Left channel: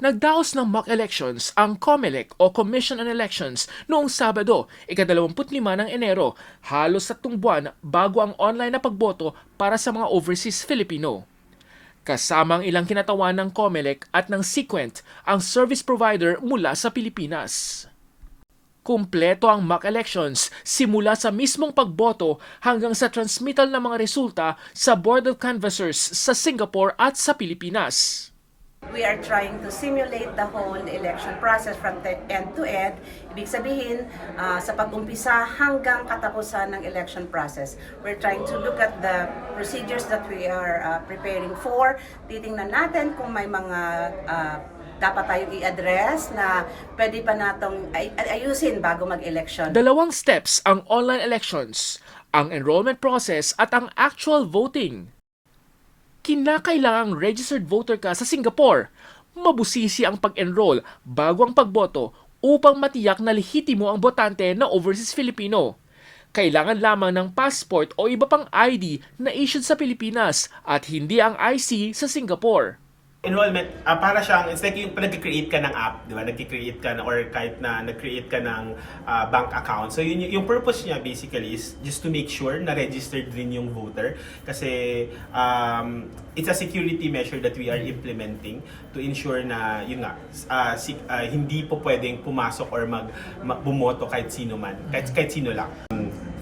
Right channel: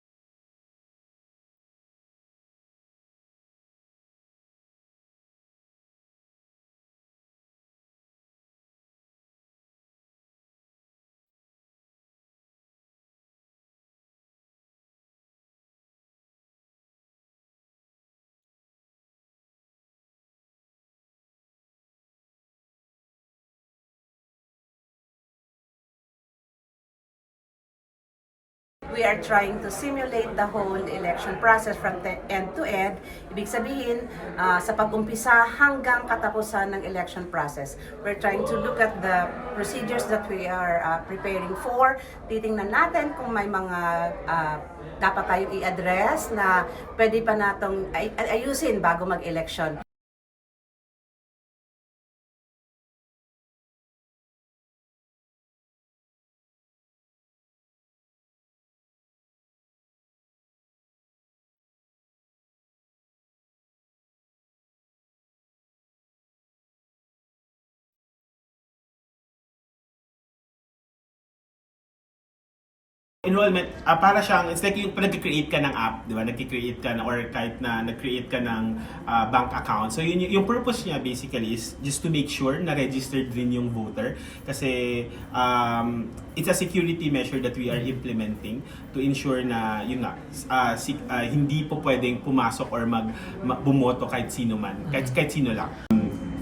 Nagdaos ng mock elections ang COMELEC o Commission on Elections noong Sabado, ika-25 ng Enero, halos tatlong buwan bago ang online na pagboto para sa mga overseas Filipino. Kasama ang ilang kinatawan ng COMELEC at ng Sequent, ang service provider mula sa Pilipinas. Kumpleto ang mock elections simula sa mismong pagboto hanggang sa transmittal ng mga resulta sa Board of Canvassers sa Singapore at sa Pilipinas. We are trying to simulate the whole election process from end to end. Ibig sabihin, ah, sa pag-umpisa hanggang katapusan ng election process. We're trying to look at the procedures that we are ah, preparing for. Titingnan natin kung may mga ah, dapat tayong i-address na pwede pa natong ay- ayusin bago mag-election. Dalawang steps ang online elections, ang enrollment process at ang actual voting. Kinakailangang registered voter ka sa Singapore. Mabusisi ang pag-enroll bago ang pagboto upang matiyak na lehitimo ang botante na overseas Filipino. Kailangan lamang ng passport o iba pang ID na issued sa Pilipinas at hindi ang IC sa Singapore. Enrollment, ah, para siyang, it's like yung nag-create ka ng app, di ba? Nag-create ka na, or kahit na nag-create ka ng ah, bank account. So yun, yung, purpose niya basically is just to make sure na registered rin yung voter. Kasi um, it's a security measure that we are implementing to ensure na, yun nga, ah, si- ah, hindi po pwedeng pumasok or mag, mag bumoto kahit sino man, kahit, kahit sino lang.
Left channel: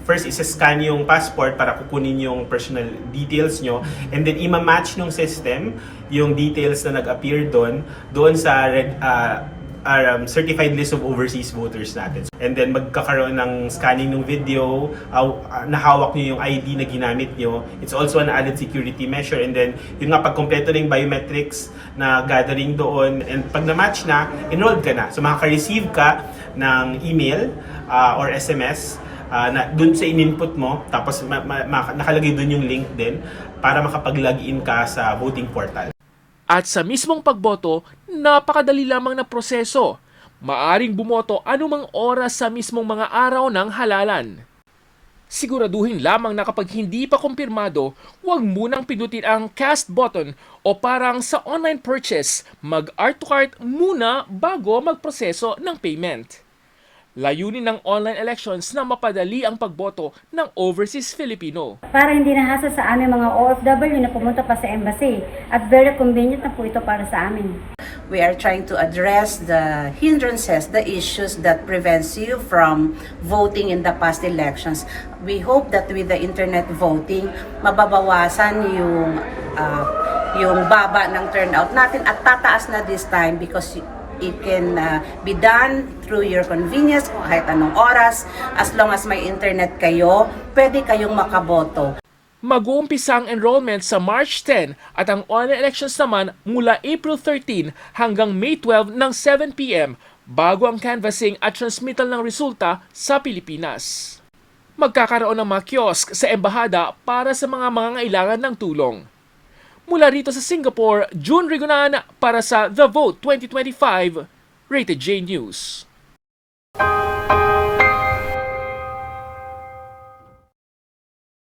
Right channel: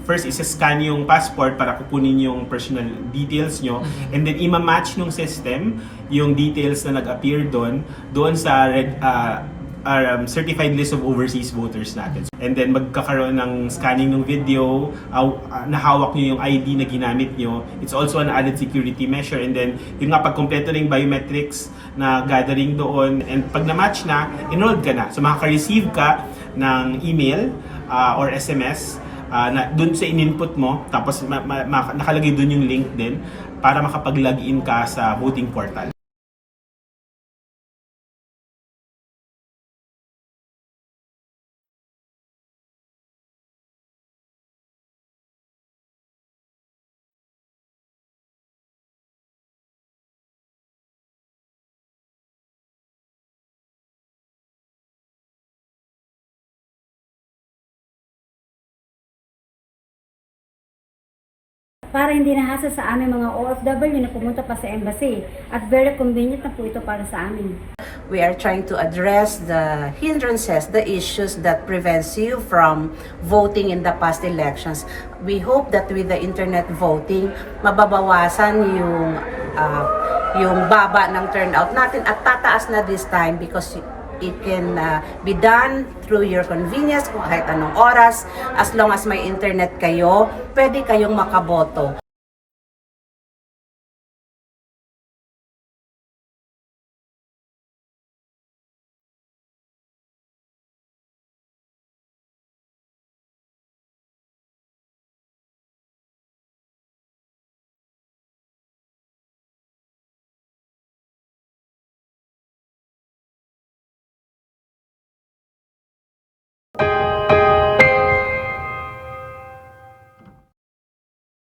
First, isa-scan yung passport para kukunin yung personal details nyo. And then, ima-match nung system yung details na nag-appear doon, doon sa red, uh, um, certified list of overseas voters natin. And then, magkakaroon ng scanning ng video, uh, nahawak nyo yung ID na ginamit nyo. It's also an added security measure. And then, yun nga, pag kompleto biometrics na gathering doon, and pag na-match na, enrolled ka na. So, makaka-receive ka ng email uh, or SMS Ah, na doon sa in-input mo tapos ma- ma- ma- nakalagay doon yung link din para makapag-login ka sa voting portal. At sa mismong pagboto, napakadali lamang na proseso. Maaring bumoto anumang oras sa mismong mga araw ng halalan. Siguraduhin lamang na kapag hindi pa kumpirmado, huwag munang pindutin ang cast button o parang sa online purchase, mag-art to cart muna bago magproseso ng payment. Layunin ng online elections na mapadali ang pagboto ng overseas Filipino. para hindi nahasa sa aming mga OFW na pumunta pa sa embassy at very convenient na po ito para sa amin. we are trying to address the hindrances, the issues that prevents you from voting in the past elections. We hope that with the internet voting, mababawasan yung uh, yung baba ng turnout natin at tataas na this time because it can uh, be done through your convenience kung kahit anong oras as long as may internet kayo pwede kayong makaboto Mag-uumpisa ang enrollment sa March 10 at ang online elections naman mula April 13 hanggang May 12 ng 7pm bago ang canvassing at transmittal ng resulta sa Pilipinas. Magkakaroon ng mga kiosk sa embahada para sa mga mangangailangan ng tulong. Mula rito sa Singapore, June Rigonan para sa The Vote 2025, Rated J News.